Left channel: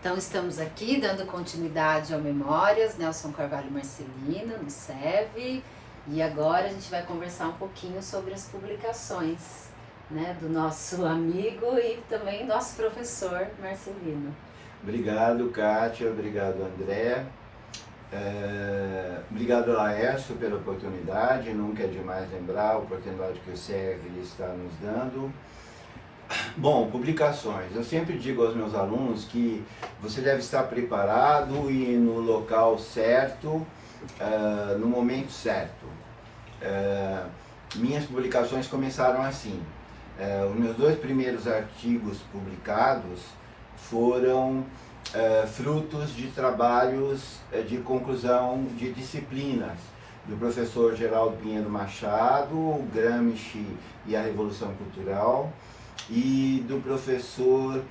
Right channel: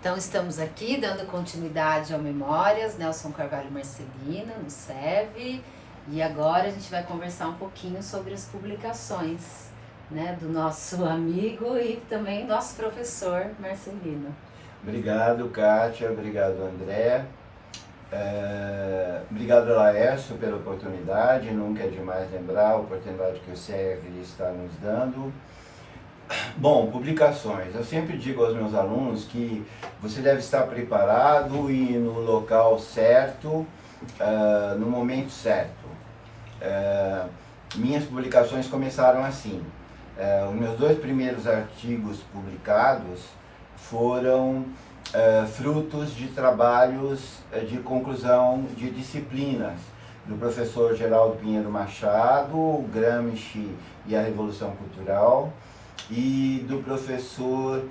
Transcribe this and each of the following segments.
Então estamos aqui dando continuidade ao Memórias, Nelson Carvalho Marcelino, no SEV, e agora a gente vai conversar um pouquinho sobre as publicações, né, do nosso amigo e também nosso professor Marcelino. Obrigado, Kátia, obrigado, André. Obrigado, Laércio, pela oportunidade. Nunca é demais lembrar a oportunidade que o SEV está nos dando. Bom, publicações. Eu sempre digo aos meus alunos que você deve estar preparado e no local certo, no momento certo. Minhas publicações começaram assim. Os meus 2 primeiros artigos publicados foram frutos de trabalhos de conclusão de disciplinas do professor Geraldo Pinheiro Machado, Gramsci e a Revolução Cultural, e do professor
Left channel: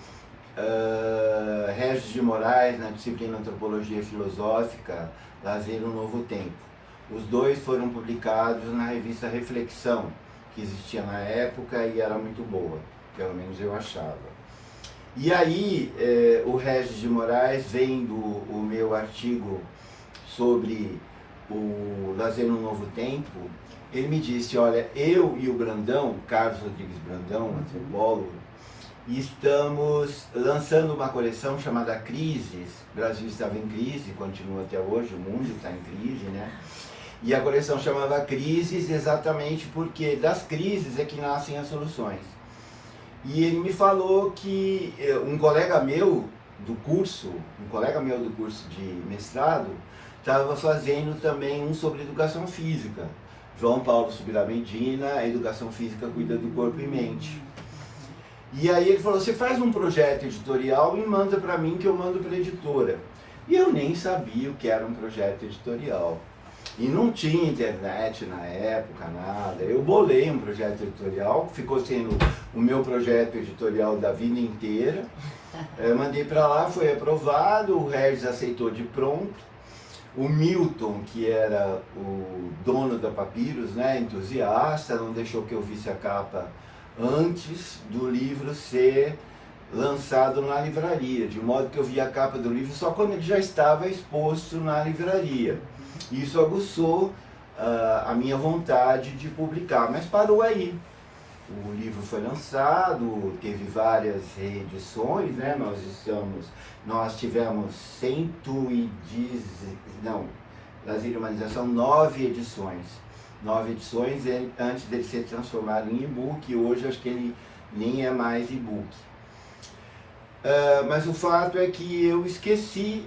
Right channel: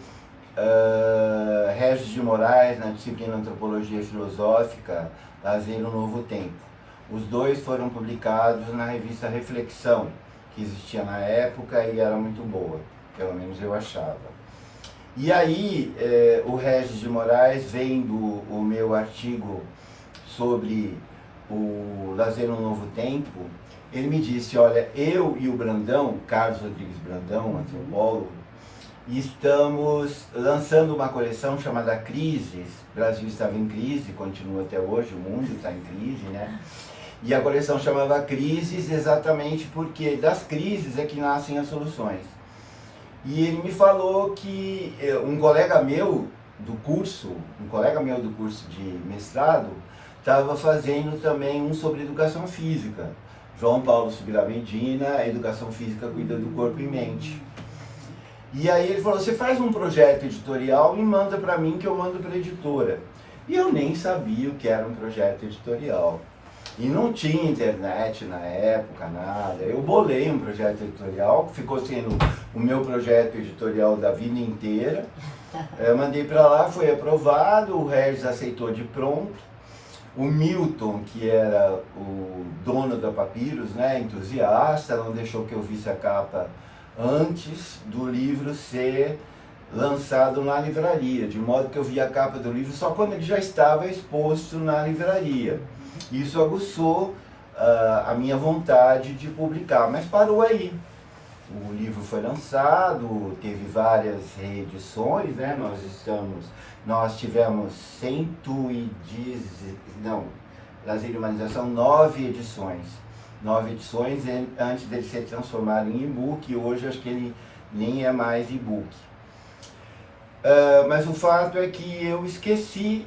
Regis de Moraes, na disciplina Antropologia Filosófica, Lazer no Novo Tempo. Os 2 foram publicados na revista Reflexão, que existia na época e era muito boa, pelo menos eu achava. E aí, o Regis de Moraes, vendo o meu artigo sobre o Lazer no Novo Tempo, ele me disse, olha, eu e o Brandão, Carlos Rodrigues Brandão, antropólogo, estamos lançando uma coleção chamada Crises. O Brasil estava em crise, continua até hoje, o mundo está em crise, né? E a coleção chamava Crises exatamente porque das crises é que nascem as soluções. E ele me falou que um colega meu do curso de mestrado, estava fazendo também um sobre educação física. João Paulo Subirá Medina, a educação física cuida do corpo e mente. E aí ele falou, você faz um projeto editorial e manda para mim que eu mando para a editora. E eu nem sabia o que era um projeto editorial. E não tinha internet na época, nada. Eu bolei um projeto editorial, que ficou sendo o meu projeto editorial da vida inteira. Eu mandei para lá, foi aprovado, o Regis aceitou de pronto. O Milton, que era o dono da Papyrus, né, entusiasta, não deixou que eu visse a capa antes do livro ser lançado na livraria, de modo que eu vi a capa do livro só quando ele já estava exposto na livraria. Isso aguçou a minha vontade de publicar, mas parou aí. O livro foi lançado, teve várias reedições, né? Nós tivemos 9 edições. 9 edições antes dele ser transformado em e-book, e hoje acho que ele nem é mais e-book. Mas o fato é que eu esqueci,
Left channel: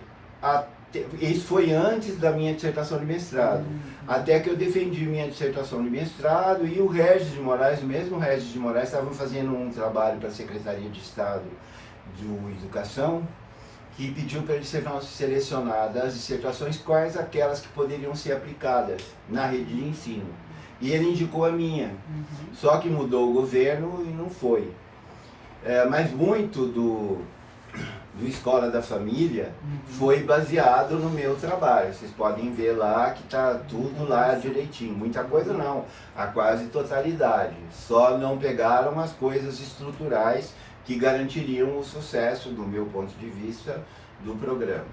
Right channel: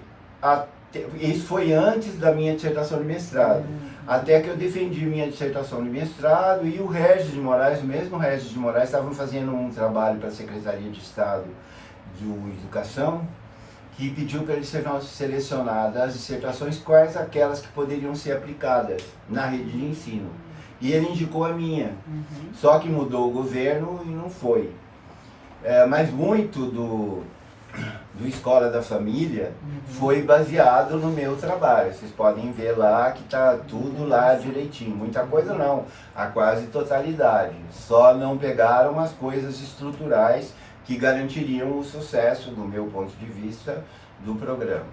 isso foi antes da minha dissertação de mestrado, até que eu defendi minha dissertação de mestrado e o Regis de Moraes, o mesmo Regis de Moraes, estavam fazendo um trabalho para a Secretaria de Estado de Educação, que pediu para ele selecionar das dissertações quais aquelas que poderiam ser aplicadas na rede de ensino. E ele indicou a minha, só que mudou o governo e não foi. Mas muito do Escola da Família foi baseado no meu trabalho. Vocês podem ver lá que está tudo lá direitinho. Muita coisa não, a quase totalidade. Só não pegaram as coisas estruturais que garantiriam o sucesso, do meu ponto de vista, do programa.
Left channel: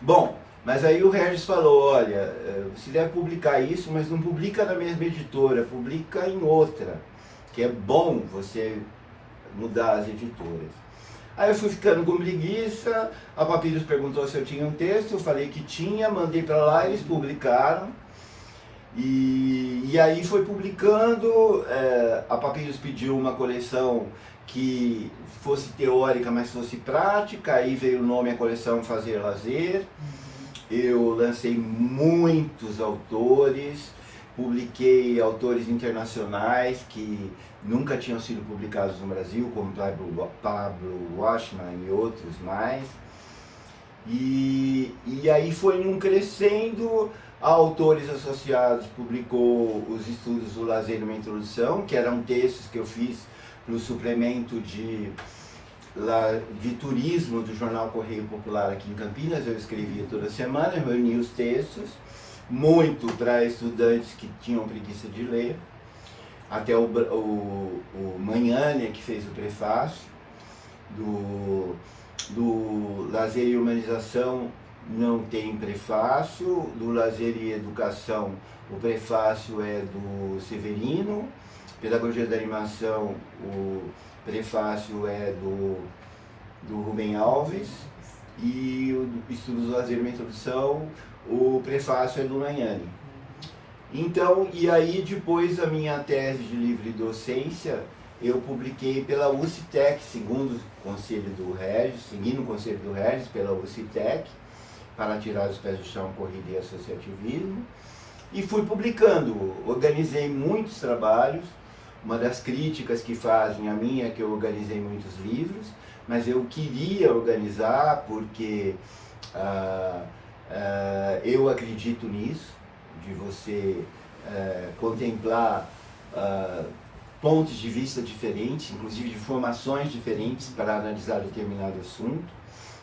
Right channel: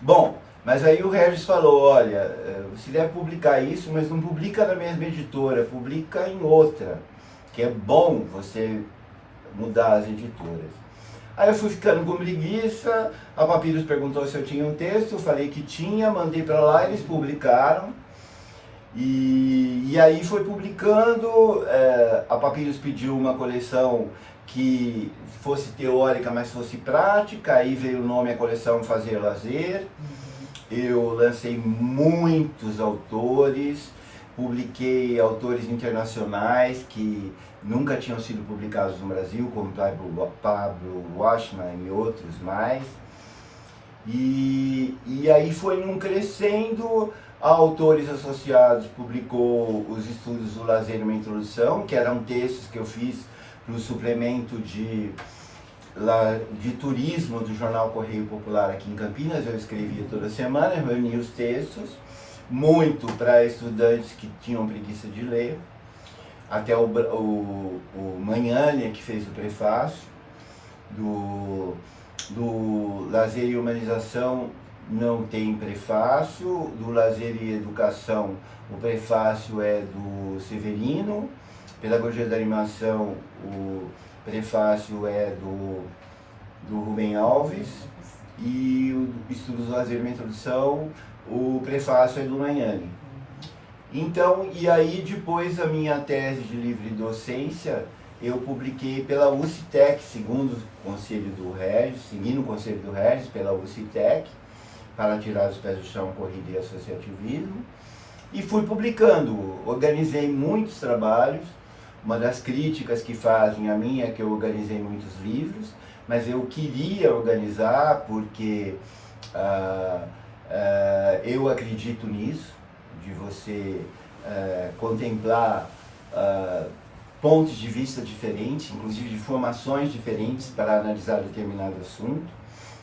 Bom, mas aí o Regis falou, olha, você deve publicar isso, mas não publica na mesma editora, publica em outra, que é bom você mudar as editoras. Aí eu fui ficando com preguiça, a Papyrus perguntou se eu tinha um texto, eu falei que tinha, mandei para lá, eles publicaram. E aí foi publicando, a Papyrus pediu uma coleção que fosse teórica, mas fosse prática, aí veio o nome a coleção Fazer Lazer. Eu lancei muitos autores, publiquei autores internacionais que nunca tinham sido publicados no Brasil, como Pablo Washman e outros mais. E aí foi num crescendo, autores associados publicou os estudos do lazer e uma introdução, que eram textos que eu fiz para o suplemento de turismo do jornal Correio Popular aqui em Campinas. Eu escrevia toda semana, eu reunia os textos, muito para estudantes que tinham preguiça de ler, até o Magnani, que fez o prefácio, do Lazer e Humanização não tem prefácio, do Lazer e Educação o prefácio é do Severino, Pedagogia da Animação o prefácio é do Rubem Alves, e o Estudos do Lazer e Introdução o prefácio é do Nayane. Então, e aí depois a minha tese de livre docência eu publiquei pela UCTEC, seguindo o conselho do Regis, pela UCTEC, para tirar os pés do chão, corrida e associativismo, e fui publicando, organizei muitos trabalhos. Uma das críticas que fazem a mim é que eu organizei muitos livros, mas eu queria organizar porque eu acredito nisso, de você contemplar pontos de vista diferentes, inclusive de formações diferentes para analisar determinado assunto.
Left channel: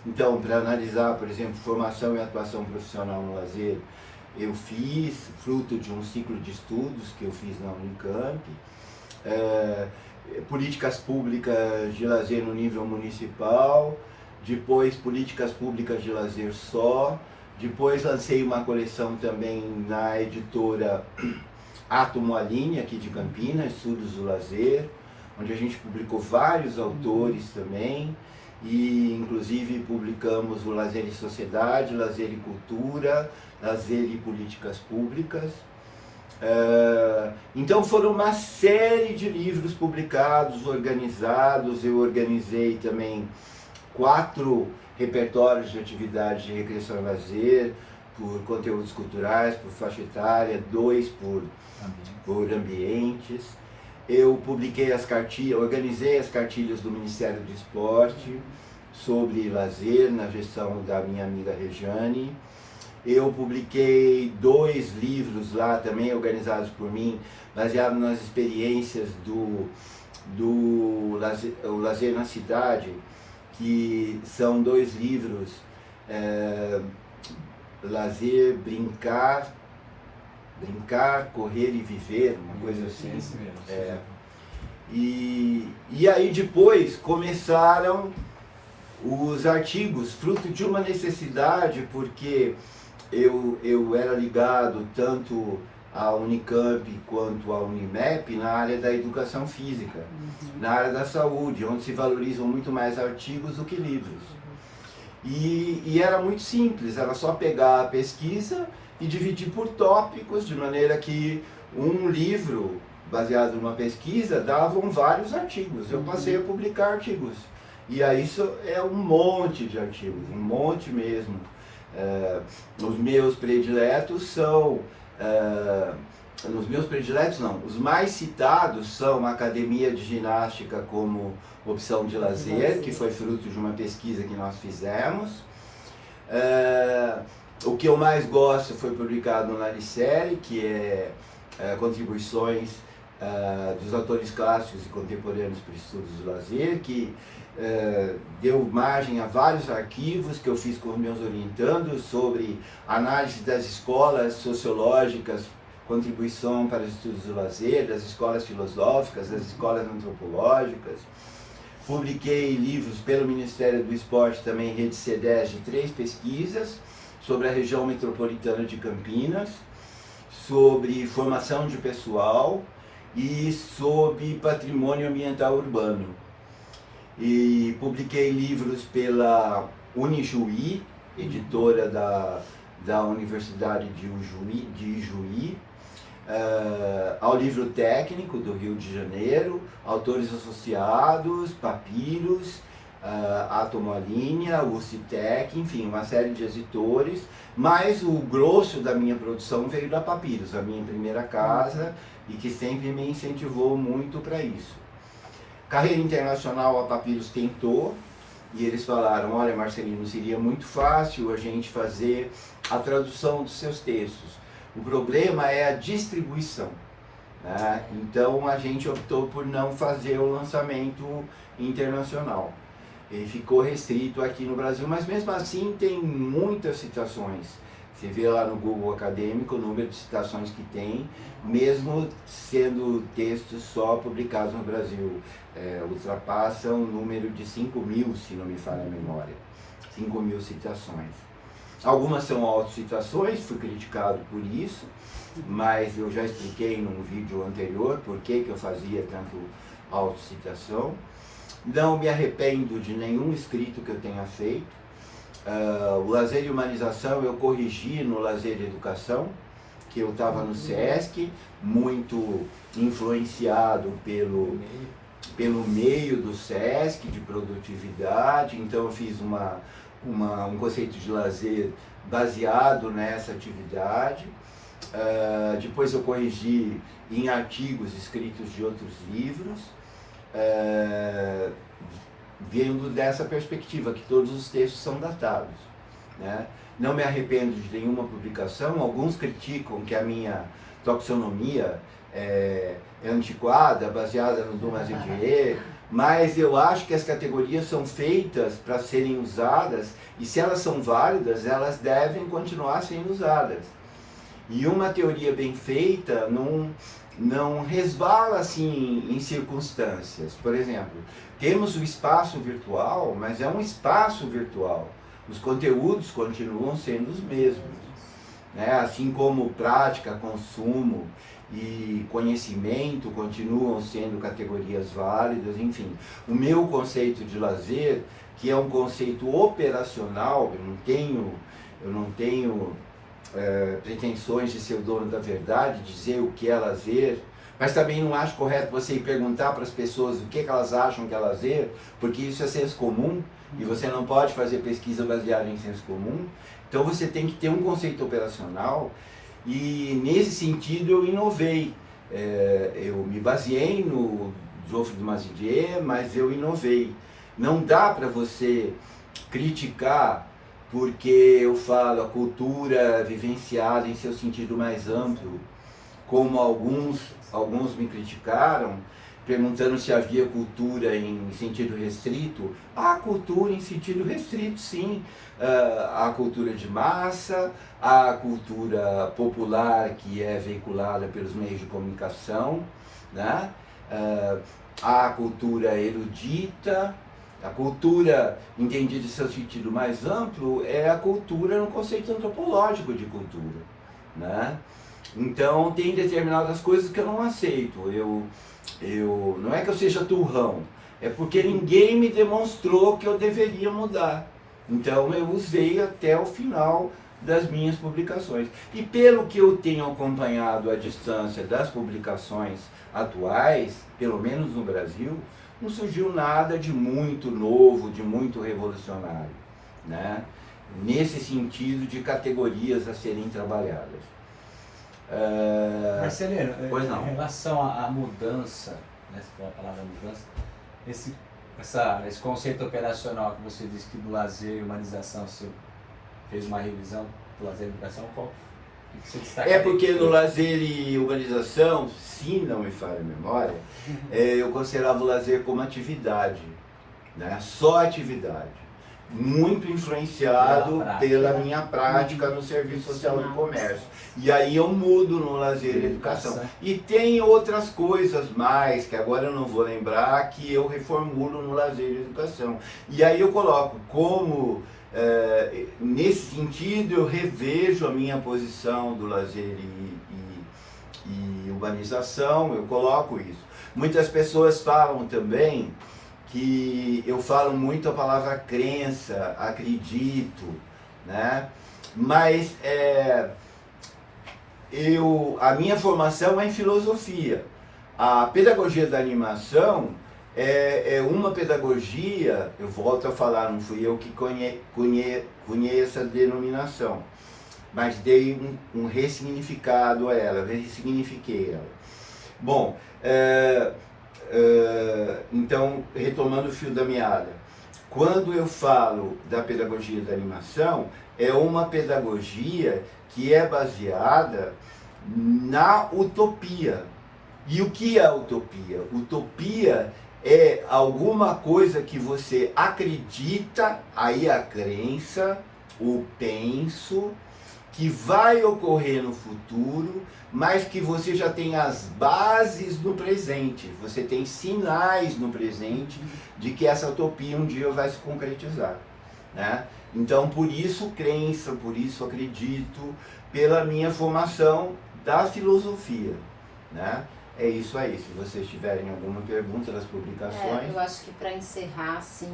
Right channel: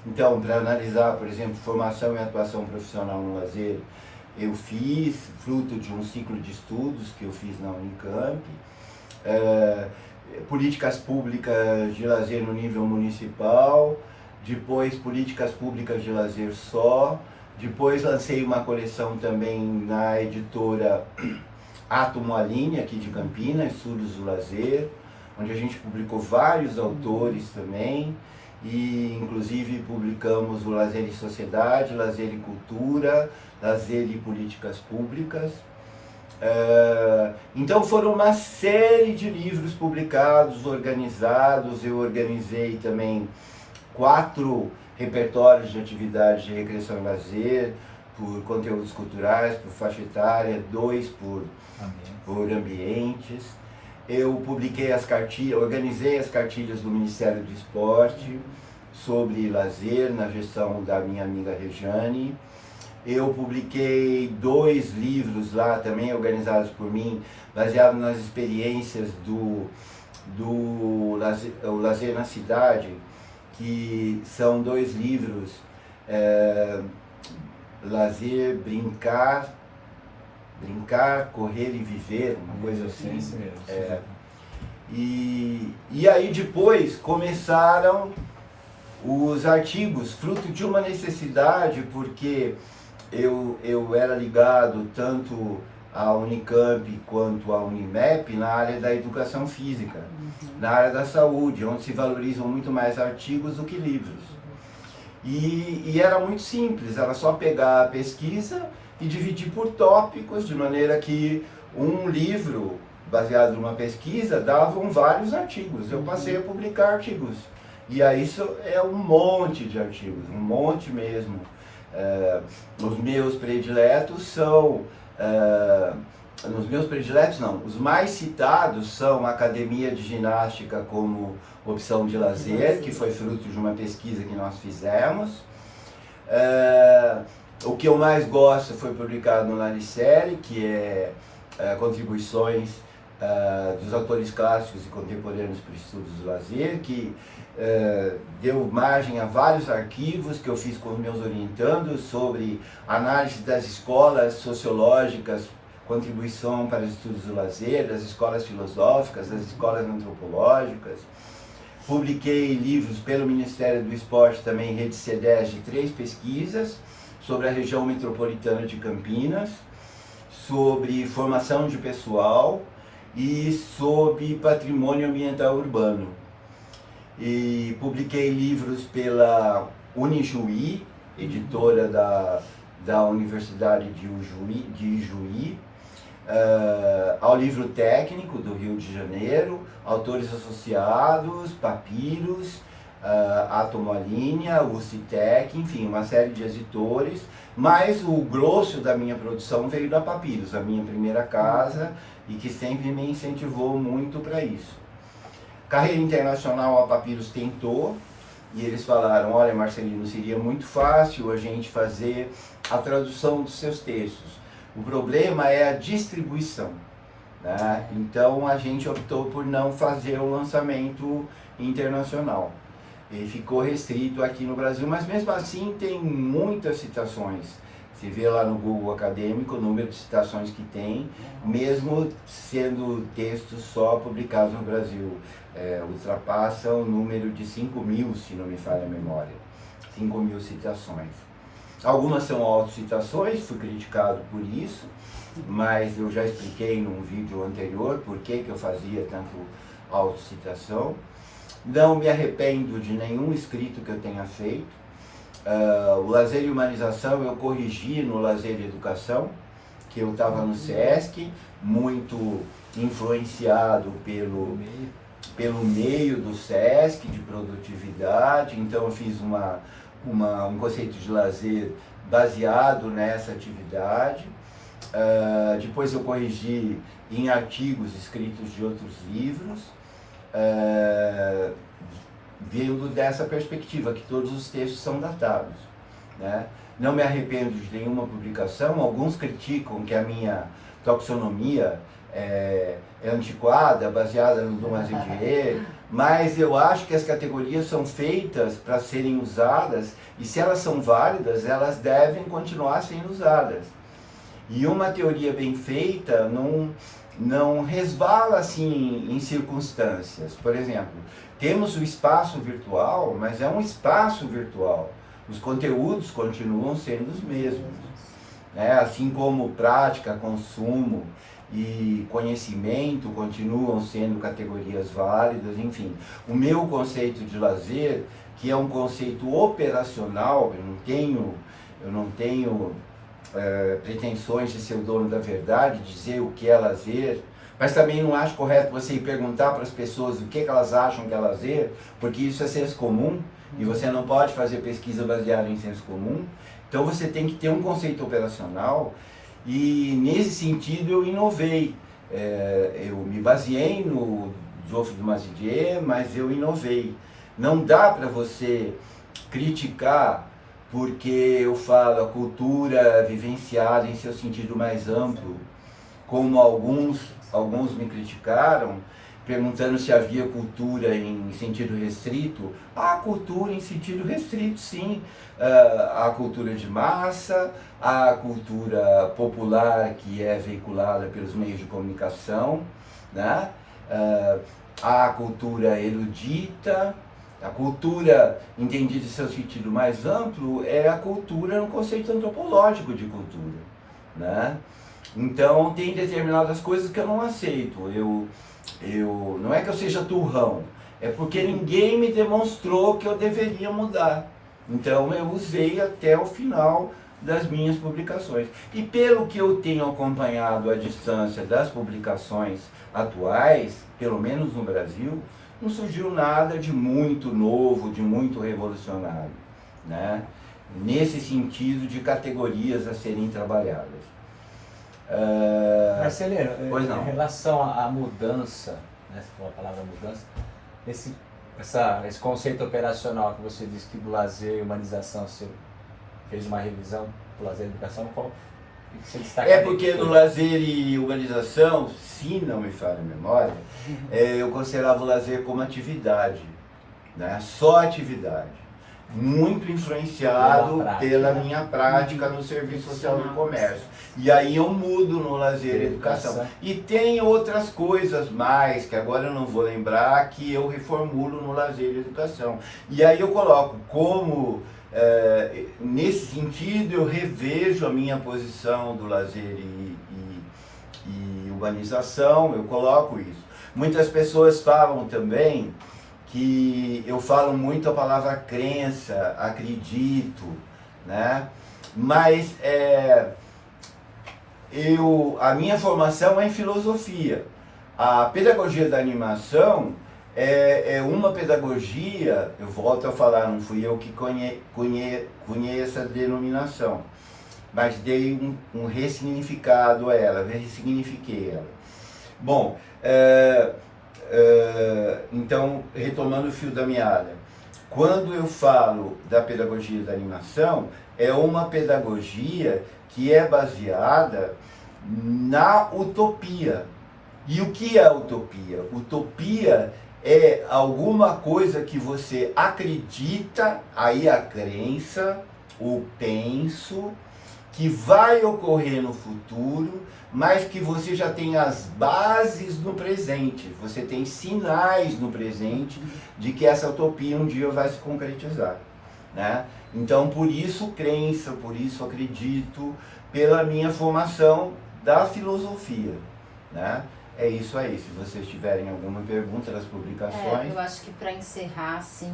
Então, para analisar, por exemplo, formação e atuação profissional no lazer, eu fiz, fruto de um ciclo de estudos que eu fiz na Unicamp, políticas públicas de lazer no nível municipal, depois políticas públicas de lazer só, depois lancei uma coleção também na editora Átomo Aline, aqui de Campinas, Estudos do Lazer, onde a gente publicou vários autores também, e inclusive publicamos o Lazer e Sociedade, Lazer e Cultura, Lazer e Políticas Públicas. Então foram uma série de livros publicados, organizados. Eu organizei também 4 repertórios de atividades de recreação e lazer, por conteúdos culturais, por faixa etária, 2 por ambientes. Eu publiquei organizei as cartilhas do Ministério do Esporte sobre lazer na gestão da minha amiga Regiane. Eu publiquei 2 livros lá também organizados por mim, baseados nas experiências do Lazer na Cidade, que são 2 livros, Lazer, Brincar, Correr e Viver, uma coisa assim. Isso mesmo. E aí depois começaram os artigos, fruto de uma necessidade, porque eu era ligado tanto à Unicamp quanto à Unimep na área da educação física, na área da saúde, onde se valorizam muito mais artigos do que livros. E era muito simples, era só pegar a pesquisa e dividir por tópicos, de maneira que um livro baseado numa pesquisa davam vários artigos. Eu passei a publicar artigos. E aí isso é um monte de artigos, um monte mesmo. Os meus prediletos são... os mais citados são a Academia de Ginástica como opção de lazer, que foi fruto de uma pesquisa que nós fizemos. O que eu mais gosto foi publicado no Naricelli, que é contribuições dos autores clássicos e contemporâneos para estudos do lazer, que deu margem a vários arquivos que eu fiz com os meus orientandos sobre análise das escolas sociológicas, contribuição para os estudos do lazer, das escolas filosóficas, das escolas antropológicas. Publiquei livros pelo Ministério do Esporte, também Rede C10, de 3 pesquisas sobre a região metropolitana de Campinas, sobre formação de pessoal e sobre patrimônio ambiental urbano. E publiquei livros pela Unijuí, editora da Universidade de Ijuí, ao livro técnico do Rio de Janeiro, autores associados, Papiros, Átomo Aline, UCTEC, enfim, uma série de editores, mas o grosso da minha produção veio da Papiros, a minha primeira casa, e que sempre me incentivou muito para isso. Carreira internacional, a Papiros tentou, e eles falaram: olha, Marcelino, seria muito fácil a gente fazer a tradução dos seus textos. O problema é a distribuição, né? Então a gente optou por não fazer o lançamento internacional. Ele ficou restrito aqui no Brasil, mas mesmo assim tem muitas citações. Você vê lá no Google Acadêmico o número de citações que tem, mesmo sendo textos só publicados no Brasil. Ultrapassa o número de 5.000, se não me falha a memória. 5.000 citações. Algumas são autocitações, fui criticado por isso, mas eu já expliquei num vídeo anterior por que eu fazia tanto autocitação. Não me arrependo de nenhum escrito que eu tenha feito. O Lazer e Humanização eu corrigi no Lazer e Educação, que eu estava no SESC, muito influenciado pelo meio do SESC, de produtividade. Então eu fiz um conceito de lazer baseado nessa atividade. Depois eu corrigi em artigos escritos de outros livros, vendo dessa perspectiva, que todos os textos são datados, né? Não me arrependo de nenhuma publicação. Alguns criticam que a minha taxonomia é antiquada, baseada no Dumas e Dier, mas eu acho que as categorias são feitas para serem usadas, e se elas são válidas, elas devem continuar sendo usadas. E uma teoria bem feita não resvala assim em circunstâncias. Por exemplo, temos o espaço virtual, mas é um espaço virtual. Os conteúdos continuam sendo os mesmos, né? Assim como prática, consumo e conhecimento continuam sendo categorias válidas, enfim. O meu conceito de lazer, que é um conceito operacional, eu não tenho pretensões de ser o dono da verdade, dizer o que é lazer, mas também não acho correto você ir perguntar para as pessoas o que elas acham que é lazer, porque isso é senso comum, e você não pode fazer pesquisa baseada em senso comum. Então você tem que ter um conceito operacional, e nesse sentido eu inovei. Eu me baseei no Geoffroy de Mazidier, mas eu inovei. Não dá para você criticar porque eu falo a cultura vivenciada em seu sentido mais amplo, como alguns me criticaram, perguntando se havia cultura em sentido restrito. Há cultura em sentido restrito, sim. Há cultura de massa, há cultura popular que é veiculada pelos meios de comunicação, né? Há cultura erudita. A cultura, entendida em seu sentido mais amplo, é a cultura no conceito antropológico de cultura, né? Então, tem determinadas coisas que eu não aceito. Não é que eu seja turrão, é porque ninguém me demonstrou que eu deveria mudar. Então, eu usei até o final das minhas publicações. E pelo que eu tenho acompanhado à distância das publicações atuais, pelo menos no Brasil, não surgiu nada de muito novo, de muito revolucionário, né? Nesse sentido de categorias a serem trabalhadas. Marcelino, em relação à mudança, né, você falou a palavra mudança, esse conceito operacional que você disse que do lazer e humanização você fez uma revisão do lazer e educação, qual que você destaca? Porque no lazer e humanização, se não me falha a memória, eu considerava o lazer como atividade, né? Só atividade. Muito influenciado pela minha prática no serviço social do comércio. E aí eu mudo no lazer e educação. E tem outras coisas mais, que agora eu não vou lembrar, que eu reformulo no lazer e educação. E aí eu coloco como, nesse sentido, eu revejo a minha posição do lazer e urbanização, eu coloco isso. Muitas pessoas falam também que eu falo muito a palavra crença, acredito, né? Mas a minha formação é em filosofia. A pedagogia da animação é uma pedagogia, eu volto a falar, não fui eu que conheço a denominação, mas dei um ressignificado a ela, ressignifiquei ela. Bom, então, retomando o fio da meada, quando eu falo da pedagogia da animação, é uma pedagogia que é baseada na utopia. E o que é utopia? Utopia é alguma coisa que você acredita, aí a crença, o penso, que vai ocorrer no futuro, mas que você já tem as bases no presente, você tem sinais no presente de que essa utopia um dia vai se concretizar. né? Então, por isso crença, por isso acredito, pela minha formação da filosofia, né? É isso aí. Se vocês tiverem alguma pergunta das publicações... Eu acho que para encerrar, assim,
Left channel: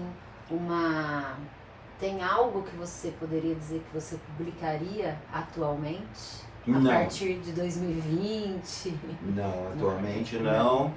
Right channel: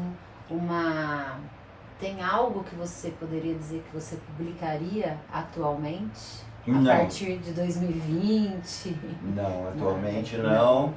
tem algo que você poderia dizer que você publicaria atualmente? Não. A partir de 2020? Não, atualmente não.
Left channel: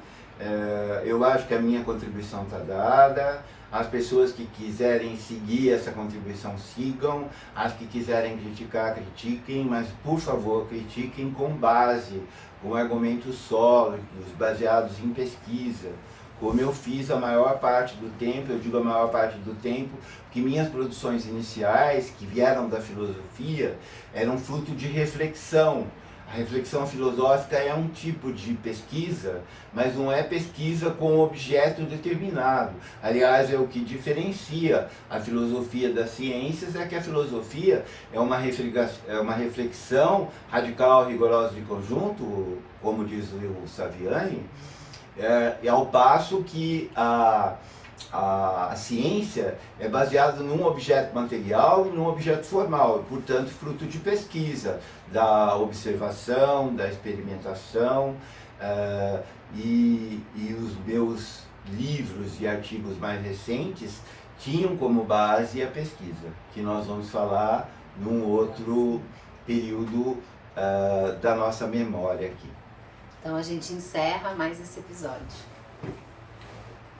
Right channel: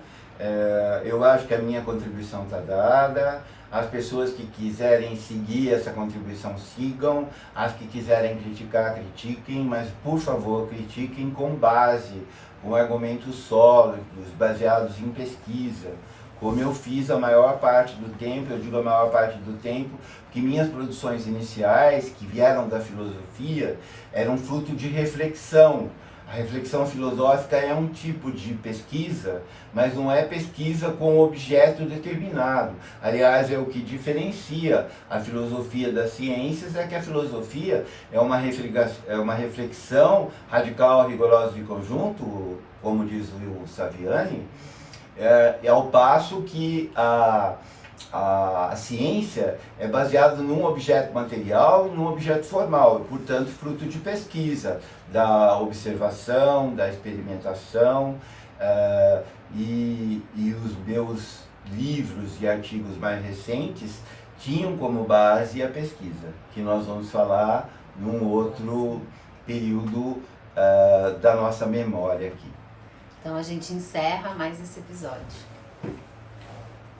Eu acho que a minha contribuição está dada. As pessoas que quiserem seguir essa contribuição, sigam. As que quiserem criticar, critiquem, mas, por favor, critiquem com base, com argumentos sólidos, baseados em pesquisa. Como eu fiz a maior parte do tempo, eu digo a maior parte do tempo, que minhas produções iniciais, que vieram da filosofia, eram fruto de reflexão. A reflexão filosófica é um tipo de pesquisa, mas não é pesquisa com objeto determinado. Aliás, é o que diferencia a filosofia das ciências, é que a filosofia é uma reflexão radical, rigorosa de conjunto, como diz o Saviani, ao passo que a ciência é baseada num objeto material e num objeto formal, portanto, fruto de pesquisa, da observação, da experimentação, e os meus livros e artigos mais recentes tinham como base a pesquisa, que nós vamos falar num outro período da nossa memória aqui. Então a gente encerra mais esse episódio.